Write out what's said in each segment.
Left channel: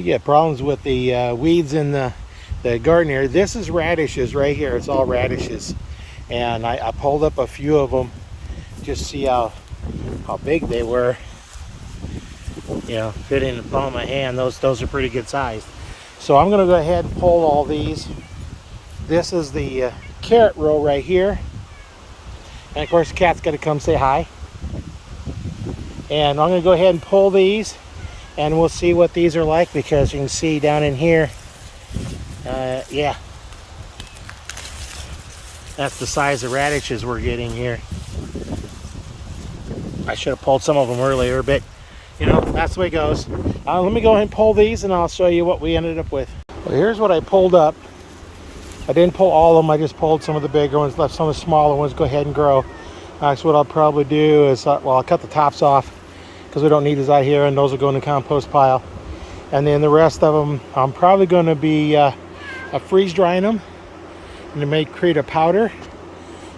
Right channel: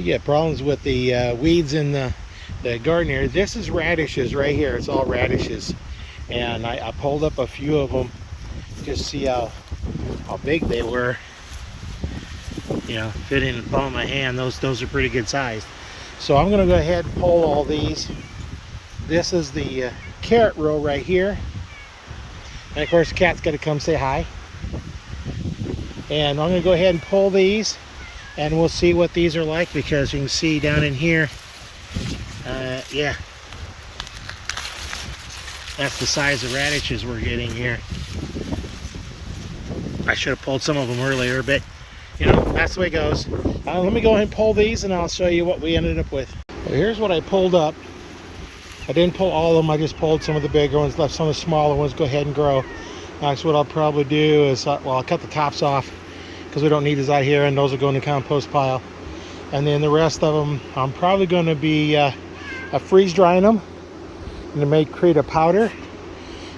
You get problems with the weeds in the garden here. This is radishes right here. It's all radishes. And I pulled up a few of them just to see how big they were. You know, fit in the palm of my hand. Those are pretty good sized. So I'm going to go ahead and pull all these. This is the carrot row right here. And of course the cat's got to come say hi. And I'm going to go ahead and pull these. And we'll see what these are like, because you can see down in here, yeah, that's the size of radishes we're getting here. I should have pulled some of them earlier, but you know, that's the way it goes. Let me go ahead and pull these and I'll show you what we ended up with. Well, here's what I pulled up. I didn't pull all of them, I just pulled some of the bigger ones, left some of the smaller ones go ahead and grow. So what I'll probably do is, well, I'll cut the tops off because we don't need these out here, and those will go in the compost pile. And then the rest of them, I'm probably going to be freeze drying them, and it may create a powder.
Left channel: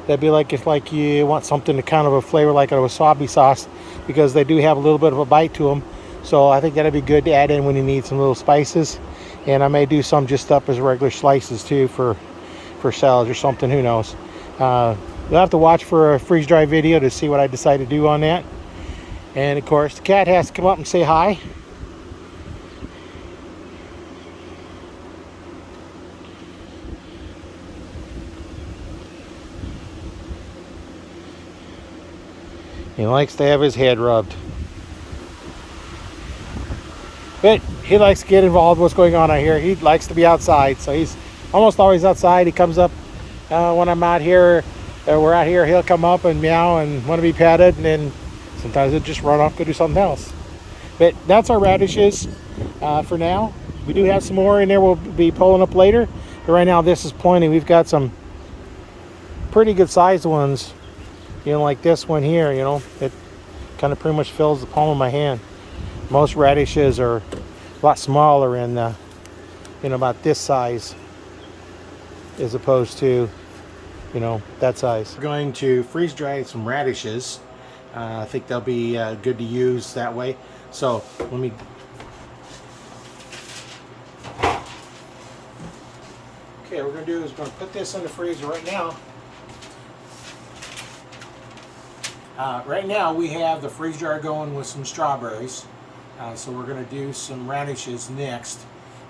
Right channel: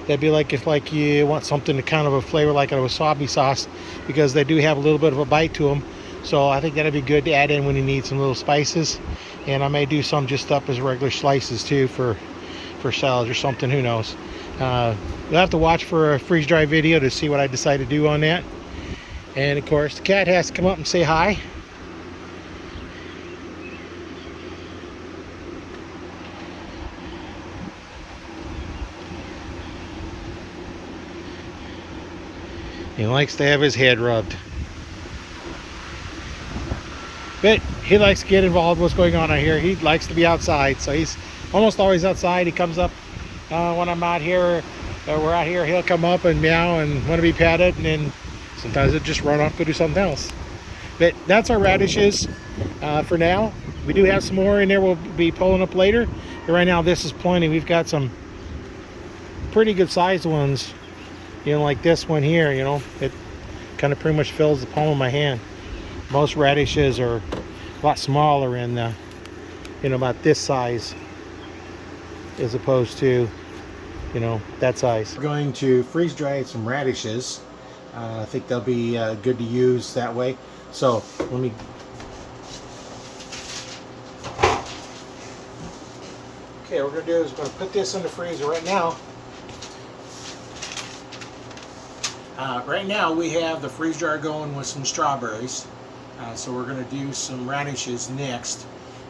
That'd be like if you want something to kind of a flavor like a wasabi sauce, because they do have a little bit of a bite to them. So I think that'd be good to add in when you need some little spices. And I may do some just up as regular slices too for salads or something, who knows. You'll have to watch for a freeze dry video to see what I decide to do on that. And of course the cat has to come up and say hi. He likes to have his head rubbed. But he likes to get involved with what's going on out here. He likes to be outside, so he's almost always outside. He comes up when I'm out here, we're out here, he'll come up and meow and want to be patted, and then sometimes he'll just run off, go do something else. But that's our radishes for now. We do have some more in there we'll be pulling up later. But right now this is plenty. We've got some pretty good sized ones. You know, like this one here, you know, it kind of pretty much fills the palm of my hand. Most radishes are a lot smaller and, you know, about this size as opposed to, you know, that size. We're going to freeze dry some radishes. I think they'll be good to use that way. So let me... Okay, what we're going to do is we're going to put this in the freezer right now. Right now we have the freeze dryer going with some strawberries. So we're going to do some radishes next.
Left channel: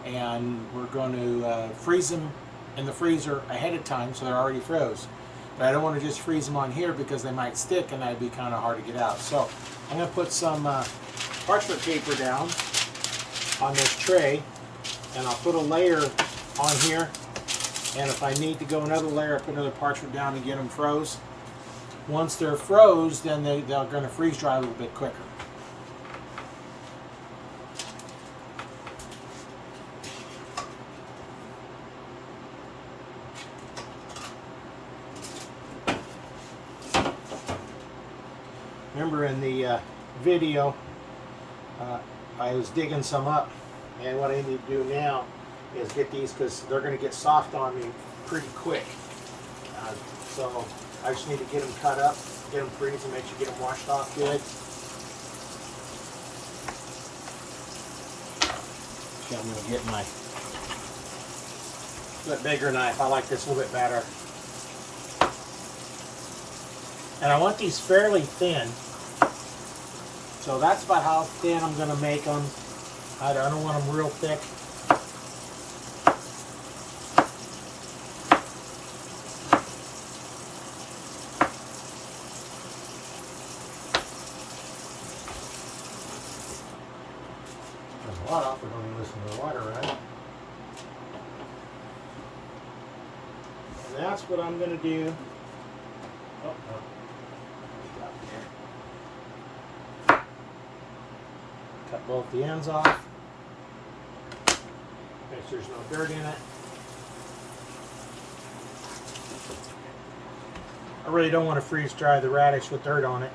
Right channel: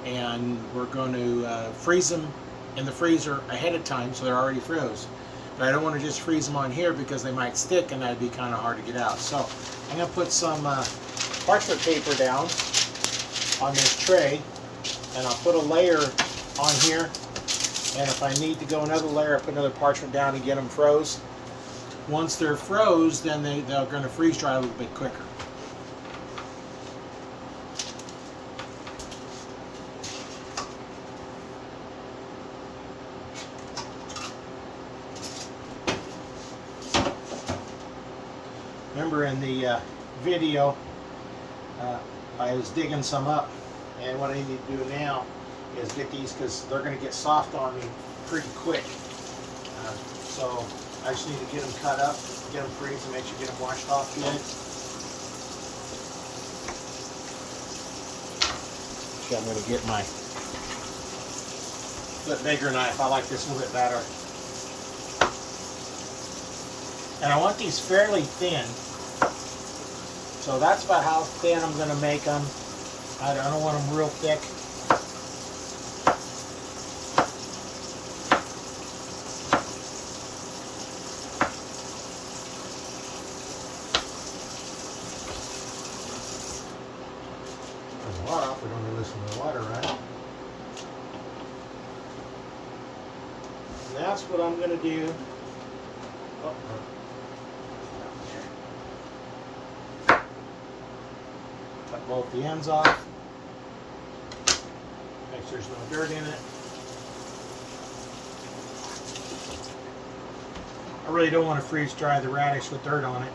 And we're going to freeze them in the freezer ahead of time so they're already froze. But I don't want to just freeze them on here because they might stick and that'd be kind of hard to get out. So I'm going to put some parchment paper down on this tray, and I'll put a layer on here, and if I need to go another layer, I'll put another parchment down and get them froze. Once they're froze, then they're going to freeze dry a little bit quicker. Remember in the video, I was digging some up, and what I need to do now is get these, because they're going to get soft on me pretty quick. So I just need to get them cut up, get them freezed, and make sure you get them washed off good. So I'm going to get my bit bigger knife. I like this a little bit better. And I want these fairly thin. So that's about how thin I'm going to make them. I don't want them real thick. There's a lot up. We don't need to listen to the water, right? And that's what I'm going to do. Oh. Cut both the ends off. Make sure there's no dirt in it. I really don't want to freeze dry the radish with dirt on it.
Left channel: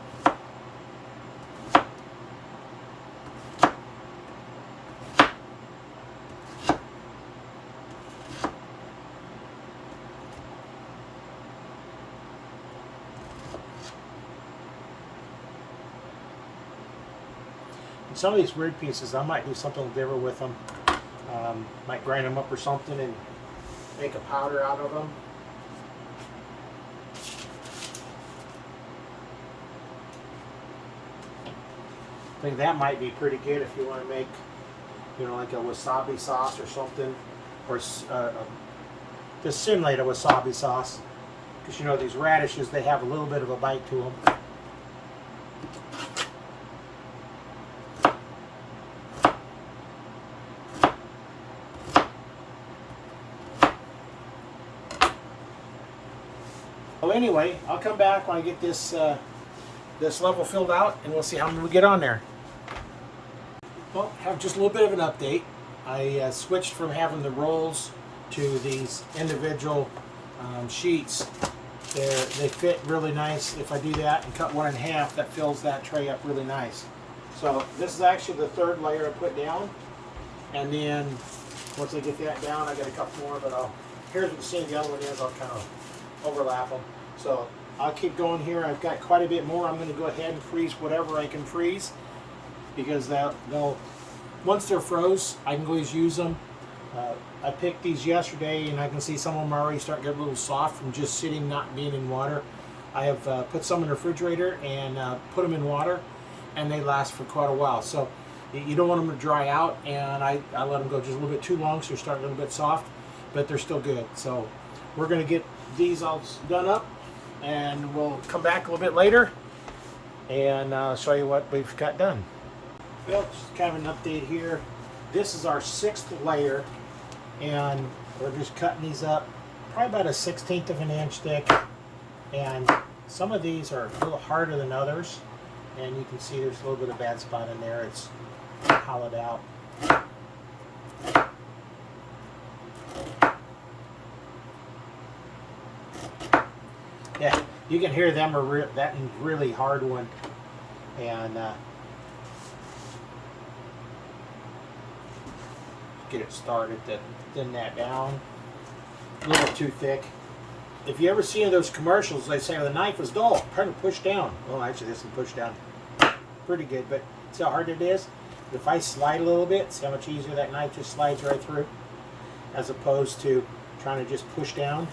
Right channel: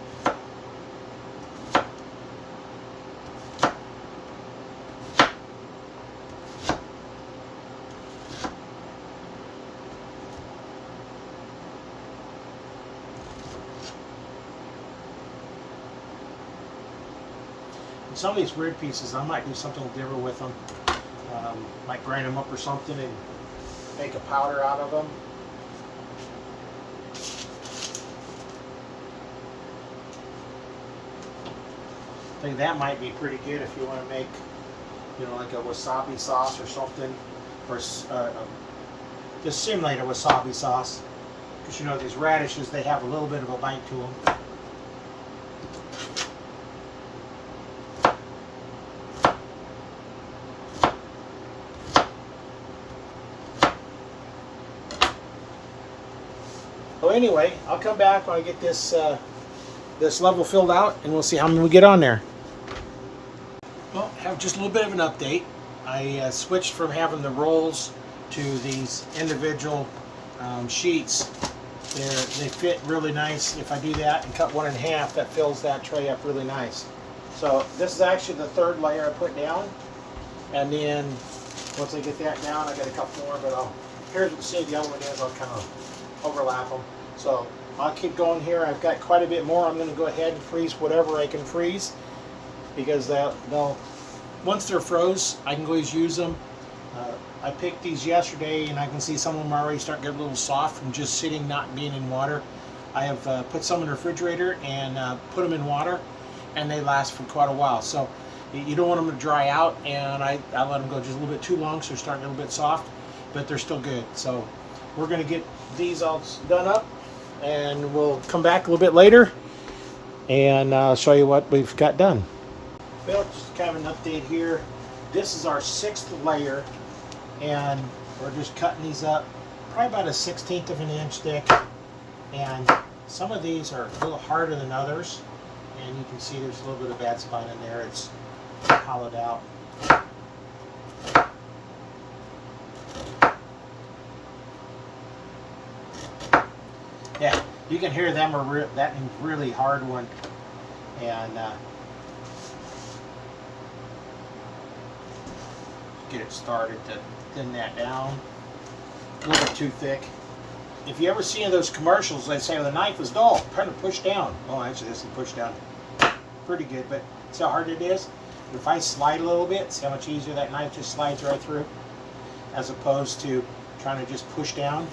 And some of these weird pieces, I might do something different with them. Might grind them up or something and make a powder out of them. I think that might be pretty good if you want to make, you know, like a wasabi sauce or something, or just simulate a wasabi sauce. Because, you know, these radishes, they have a little bit of a bite to them. So anyway, I'll come back when I get this this level filled out, and we'll see how many we get on there. Well, have just a little bit of an update. I switched from having the rolls to these individual sheets. They fit really nice. If I do that and cut one in half, that fills that tray up really nice. So this is actually the third layer I put down, and then once I get that down, I got a couple more. But here's what you see the other one is. I'll kind of overlap them. So I'll keep going here. I've got quite a bit more. I'm going to go ahead and freeze whatever I can freeze, because they'll once they're froze, I can always use them. I picked these yesterday, and I can see some of them already starting to get a little soft from just sitting, not being in water. I have put some in the refrigerator and put them in water, and they last for quite a while. So you don't want them to dry out, and I let them go just a little bit too long, so they're starting to get a little bit soft, but they're still good. So we're going to get these all done up, and we'll come back a little bit later, and I'll show you what we've got done. Well, just kind of an update here. This is our 6th layer, and we're just cutting these up probably about a 1/16 of an inch thick, and some of these are a little harder than others, and you can see there's a little bit of bad spot in there. It's hollowed out. Yeah, you can hear them are that really hard one, and get it started to thin that down. A little bit too thick. If you ever see in those commercials, they say, well, the knife is dull, kind of push down. Well, actually this is push down pretty good, but see how hard it is? If I slide a little bit, see how much easier that knife just slides right through, as opposed to trying to just push down.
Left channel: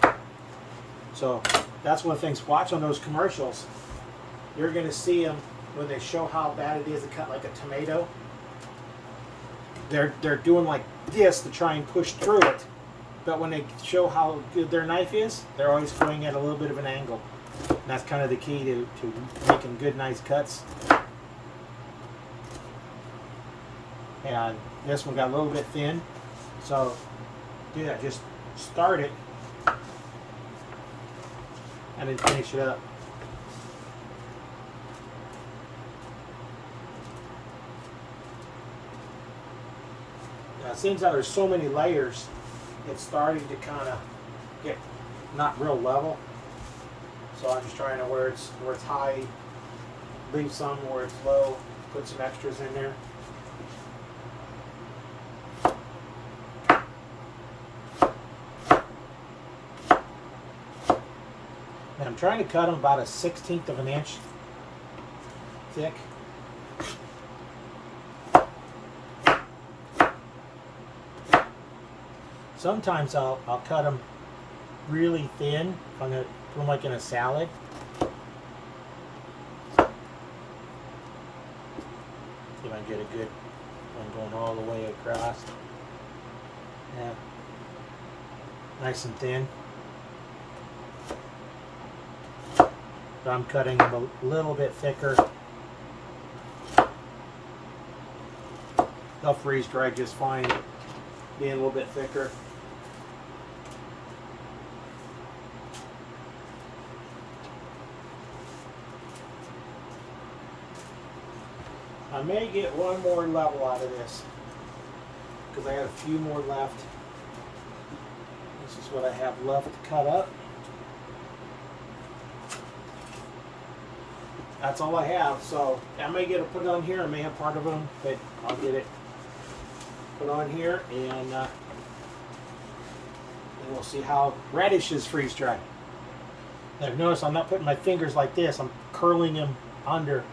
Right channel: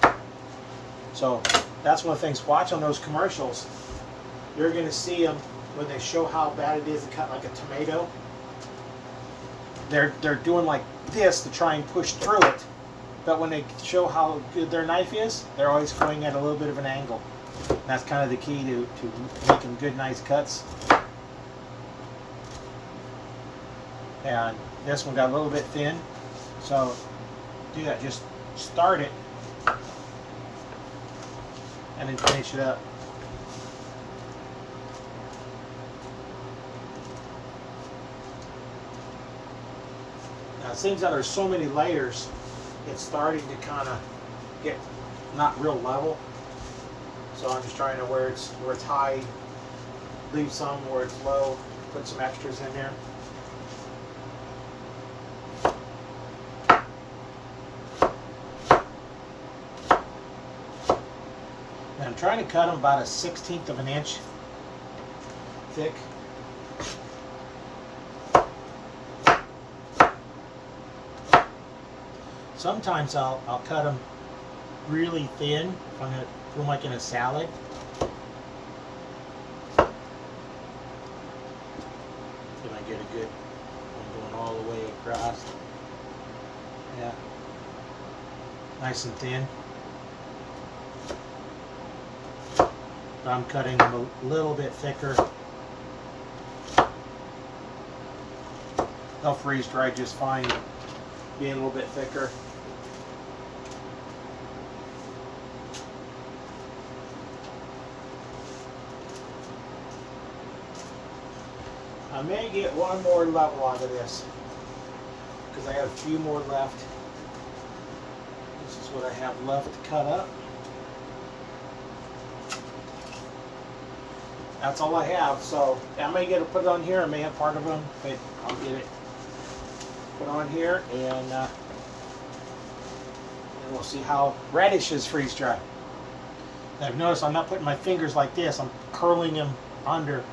So that's one of the things, watch on those commercials. You're going to see them when they show how bad it is to cut like a tomato. They're doing like this to try and push through it, but when they show how good their knife is, they're always going at a little bit of an angle. And that's kind of the key to making good, nice cuts. And this one got a little bit thin, so do that. Just start it and then finish it up. Now it seems that there's so many layers, it's starting to kind of get not real level. So I'm just trying to where it's high, leave some where it's low, put some extras in there. Now I'm trying to cut them about a 1/16 of an inch thick. Sometimes I'll cut them really thin if I'm going to put them like in a salad. See if I get a good one going all the way across. Yeah, nice and thin. But I'm cutting them a little bit thicker. They'll freeze dry just fine, being a little bit thicker. I may get one more level out of this because I have a few more left. This is what I have left to cut up. That's all I have, so I may get to put it on here. I may have part of them, but I'll get it put on here, and we'll see how radishes freeze dry. Now, I've noticed I'm not putting my fingers like this. I'm curling them under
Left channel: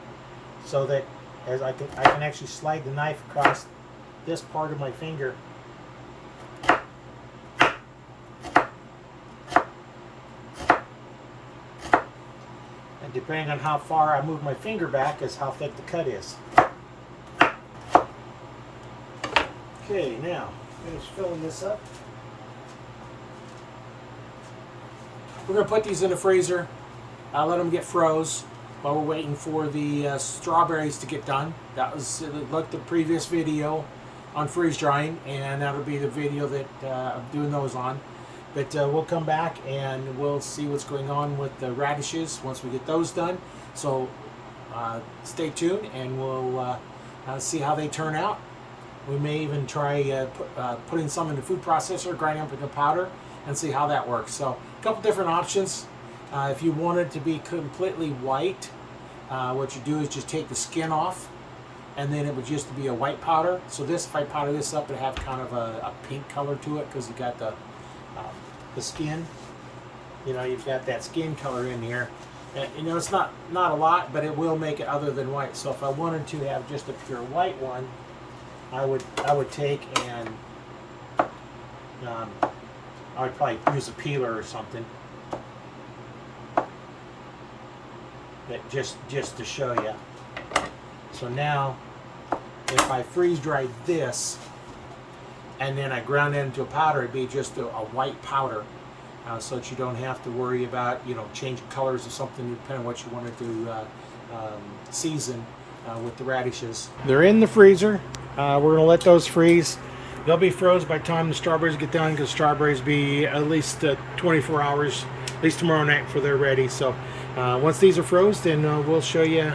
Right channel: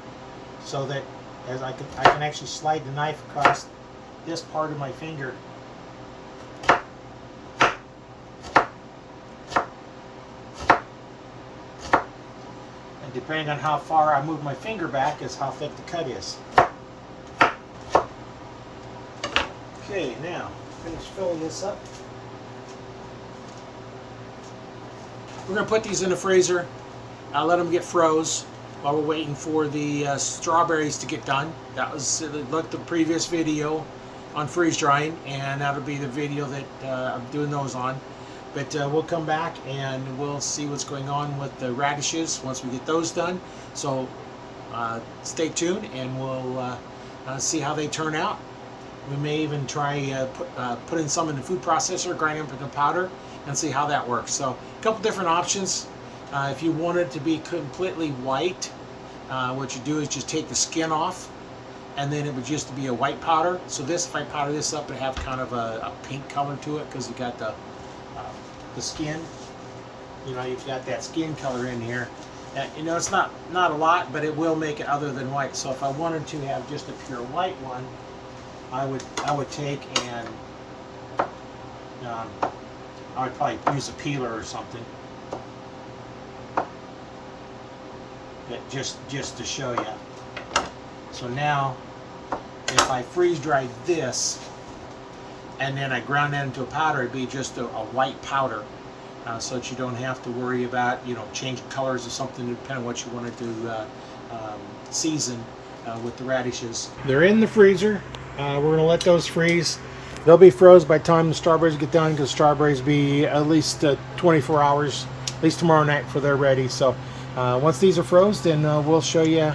so that as I can actually slide the knife across this part of my finger. And depending on how far I move my finger back is how thick the cut is. Okay, now finish filling this up. We're going to put these in the freezer. Let them get froze while we're waiting for the strawberries to get done. That was like the previous video on freeze drying, and that'll be the video that I'm doing those on. But we'll come back and we'll see what's going on with the radishes once we get those done. So stay tuned, and we'll see how they turn out. We may even try putting some in the food processor, grind them into powder, and see how that works. So a couple different options. If you want it to be completely white, what you do is just take the skin off, and then it would just be a white powder. So this, if I powder this up, it have kind of a pink color to it because you got the skin. You know, you've got that skin color in here. You know, it's not a lot, but it will make it other than white. So if I wanted to have just a pure white one, I would take and I would probably use a peeler or something. But just to show you. So now, if I freeze dried this, and then I ground that into a powder, it'd be just a white powder, so that you don't have to worry about, you know, changing colors or something, depending on what you wanted to season with the radishes. They're in the freezer. We're gonna let those freeze. They'll be froze by the time the strawberries get done, because strawberries be at least 24 hours, at least tomorrow night, before they're ready. So once these are froze, then we'll show you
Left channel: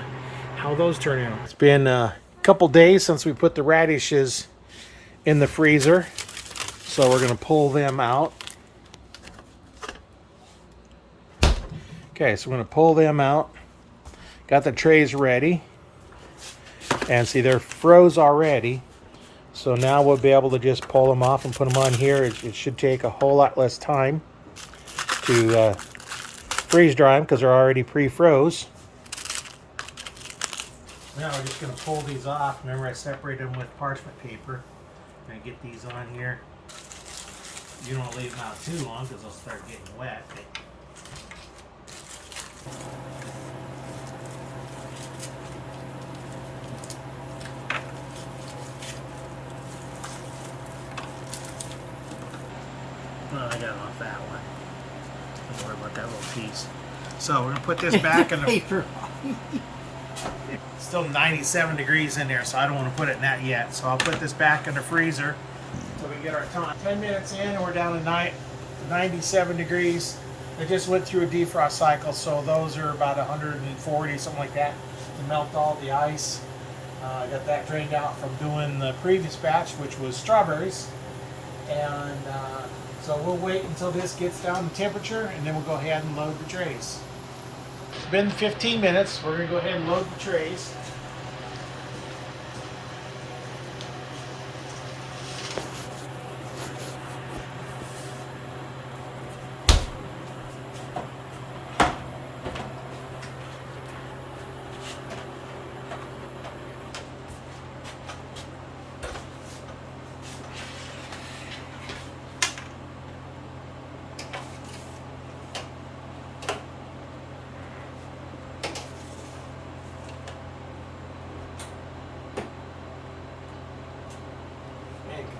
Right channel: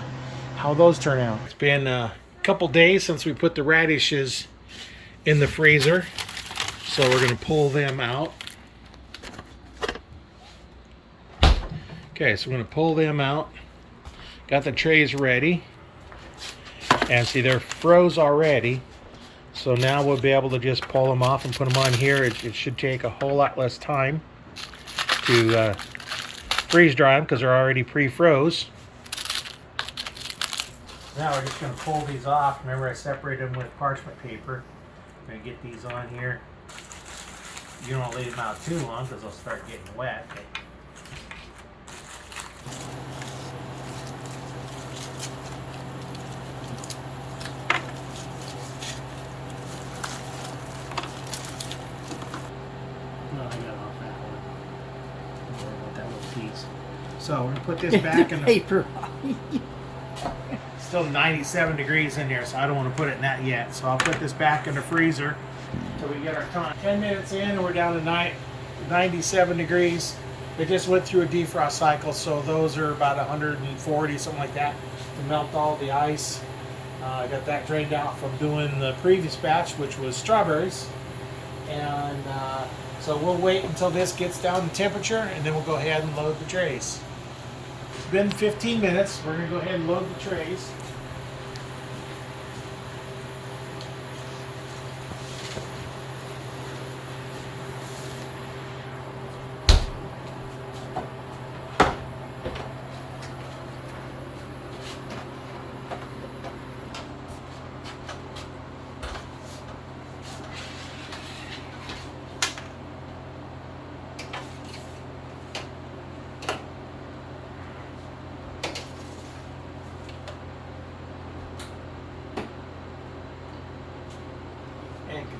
how those turn out. It's been a couple days since we put the radishes in the freezer, so we're going to pull them out. Okay, so we're going to pull them out. Got the trays ready, and see, they're froze already. So now we'll be able to just pull them off and put them on here. It should take a whole lot less time to freeze dry them because they're already pre-froze. Now we're just going to pull these off. Remember, I separated them with parchment paper. I'm going to get these on here. You don't want to leave them out too long because they'll start getting wet. Oh, I got it off that one. Don't worry about that little piece. So we're going to put this back in the paper. Still 97 degrees in there, so I don't want to put it in that yet. So I'll put this back in the freezer until we get our time. 10 minutes in and we're down to 97 degrees. They just went through a defrost cycle, so those are about 140, something like that, to melt all the ice. I got that drained out from doing the previous batch, which was strawberries. And so we'll wait until this gets down to temperature, and then we'll go ahead and load the trays. It's been 15 minutes. We're going to go ahead and load the trays.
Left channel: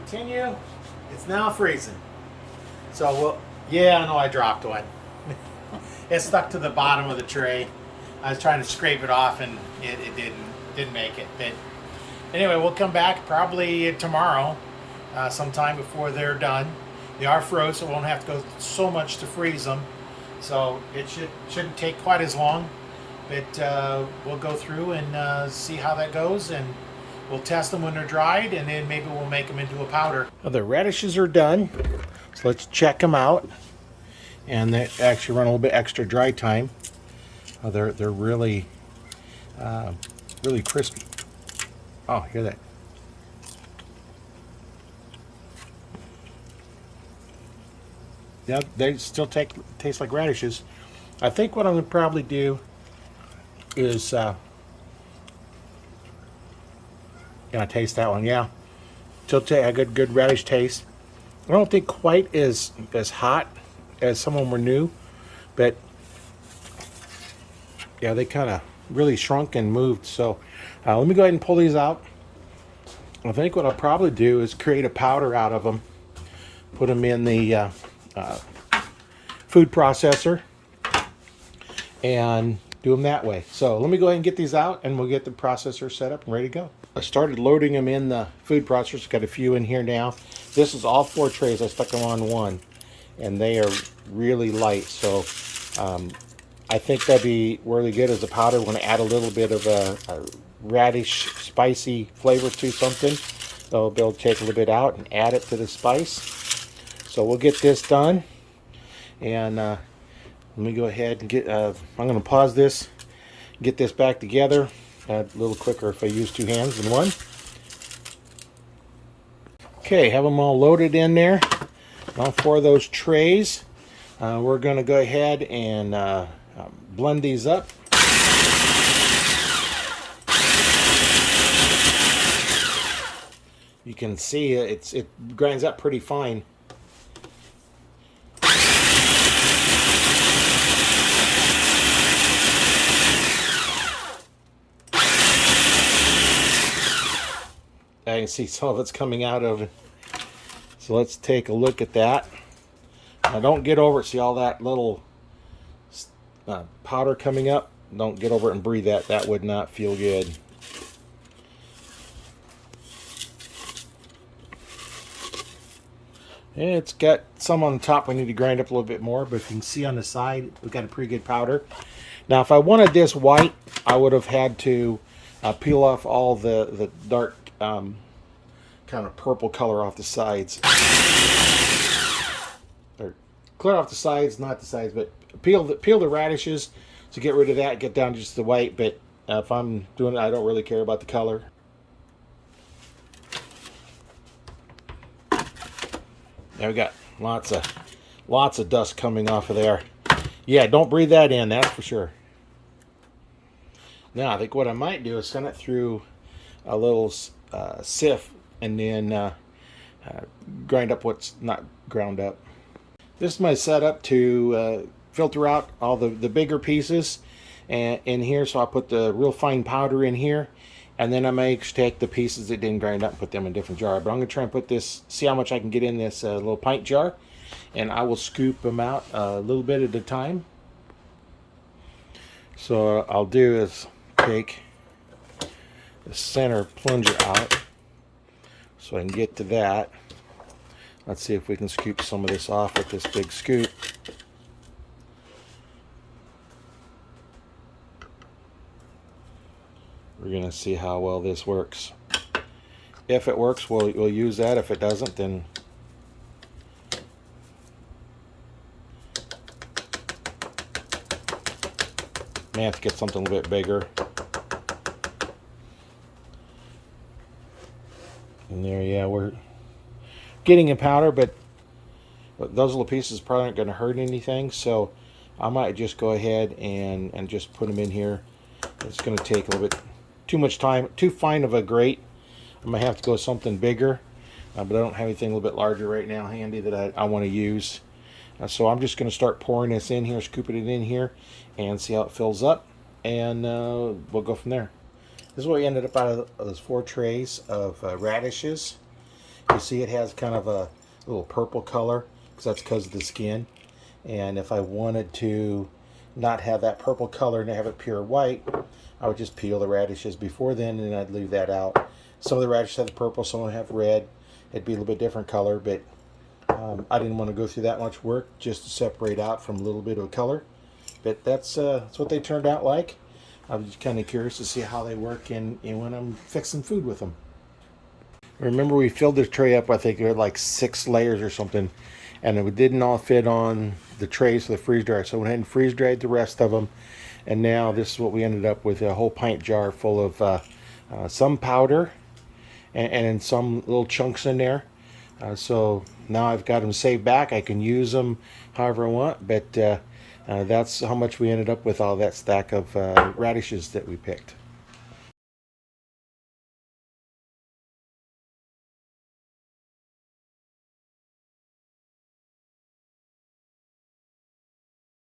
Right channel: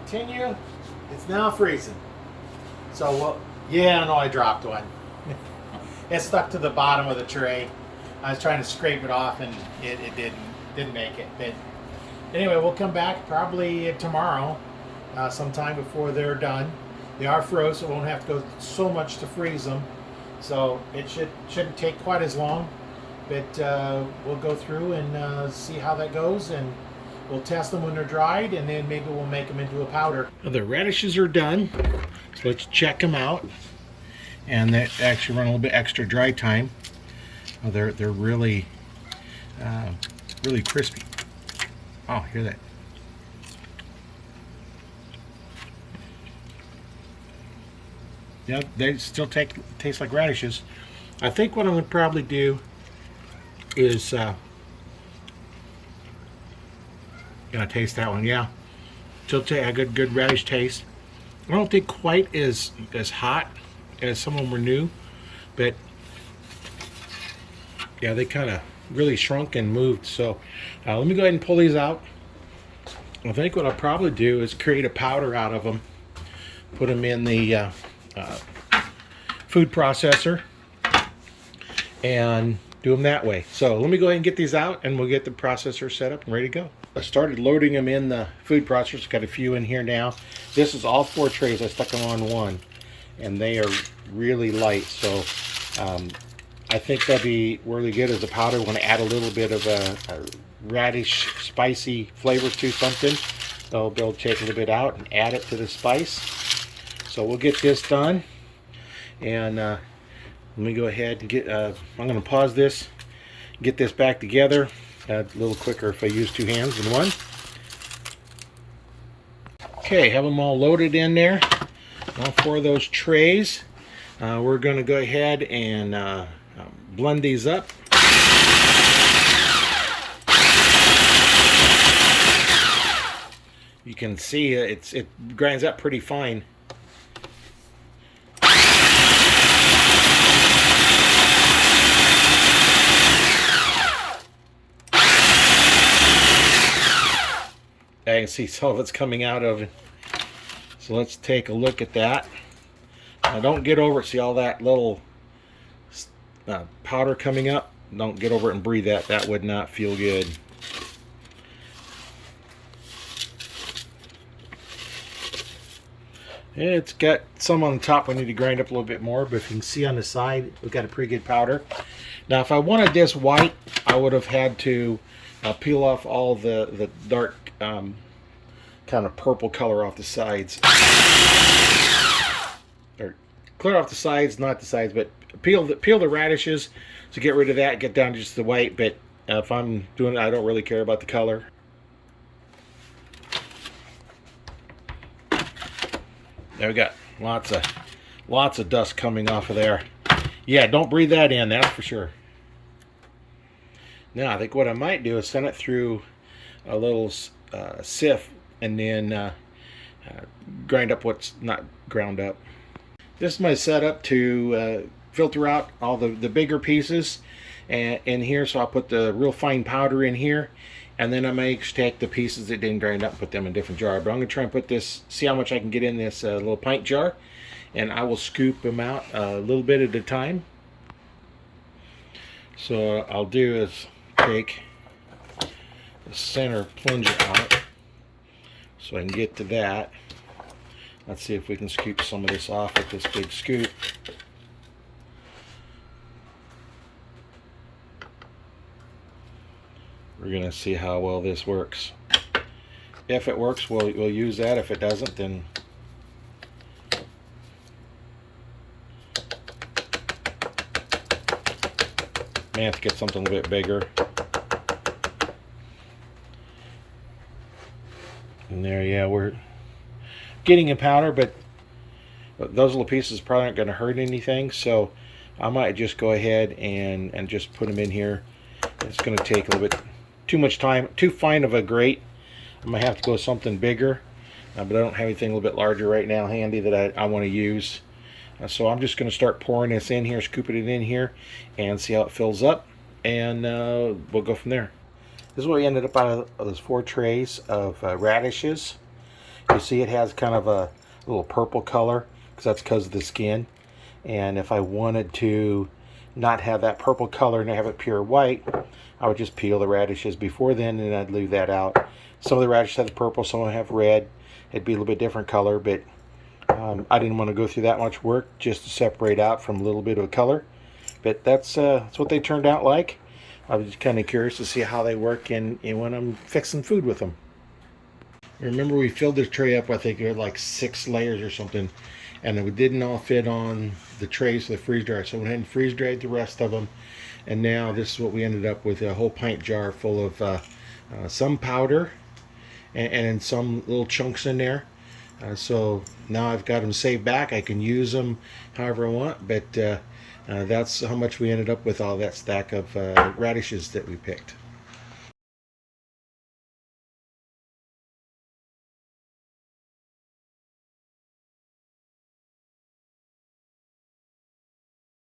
Continue. It's now freezing. So we'll, yeah, I know I dropped one. It stuck to the bottom of the tray. I was trying to scrape it off and it didn't make it. But anyway, we'll come back probably tomorrow, sometime before they're done. They are froze, so we won't have to go so much to freeze them. So it shouldn't take quite as long. But we'll go through and see how that goes, and we'll test them when they're dried, and then maybe we'll make them into a powder. Now the radishes are done, so let's check them out. And they actually run a little bit extra dry time. Oh, they're really, really crispy. Oh, hear that? Yeah, they still taste like radishes. I think what I'm going to probably do is Gotta taste that one, yeah. Still a good radish taste. I don't think quite as hot as some of them were new, but yeah, they kind of really shrunk and moved. So let me go ahead and pull these out. I think what I'll probably do is create a powder out of them, put them in the food processor, and do them that way. So let me go ahead and get these out, and we'll get the processor set up and ready to go. I started loading them in the food processor. Got a few in here now. This is all 4 trays. I stuck them on one, and they are really light. So I think that'd be really good as a powder. Want to add a little bit of a radish spicy flavor to something. They'll be able to take a little bit out and add it to the spice. So we'll get this done, and let me go ahead and get. I'm going to pause this, get this back together. A little quicker if I use 2 hands than one. Okay, have them all loaded in there. All 4 of those trays. We're going to go ahead and blend these up. You can see it grinds up pretty fine. I can see some of it's coming out of it. So let's take a look at that. Now don't get over it. See all that little powder coming up? Don't get over it and breathe that. That would not feel good. It's got some on the top we need to grind up a little bit more, but if you can see on the side, we've got a pretty good powder. Now if I wanted this white, I would have had to peel off all the dark kind of purple color off the sides. Or clear off the sides, not the sides, but peel the radishes to get rid of that, get down to just the white. But if I'm doing it, I don't really care about the color. There we got lots of dust coming off of there. Yeah, don't breathe that in, that's for sure. Now I think what I might do is send it through a little sieve and then grind up what's not ground up. This is my setup to filter out all the bigger pieces in here. So I'll put the real fine powder in here, and then I may take the pieces that didn't grind up and put them in a different jar. But I'm going to try and put this, see how much I can get in this little pint jar, and I will scoop them out a little bit at a time. So I'll do is take the center plunger out so I can get to that. Let's see if we can scoop some of this off with this big scoop. We're going to see how well this works. If it works, we'll use that. If it doesn't, then may have to get something a little bit bigger. And there, yeah, we're getting a powder, but those little pieces probably aren't going to hurt anything. So I might just go ahead and just put them in here. It's going to take a little bit too much time, too fine of a grate. I might have to go with something bigger, but I don't have anything a little bit larger right now handy that I want to use. So I'm just going to start pouring this in here, scooping it in here, and see how it fills up, and we'll go from there. This is what we ended up out of those 4 trays of radishes. You see it has kind of a little purple color, because of the skin. And if I wanted to not have that purple color and have it pure white, I would just peel the radishes before then, and I'd leave that out. Some of the radishes have purple, some of them have red. It'd be a little bit different color, but I didn't want to go through that much work just to separate out from a little bit of a color. But that's what they turned out like. I was just kind of curious to see how they work in when I'm fixing food with them. Remember, we filled this tray up, I think it was like 6 layers or something, and it didn't all fit on the trays for the freeze dryer. So I went ahead and freeze dried the rest of them, and now this is what we ended up with, a whole pint jar full of some powder and then some little chunks in there. So now I've got them saved back. I can use them however I want, but that's how much we ended up with all that stack of radishes that we picked.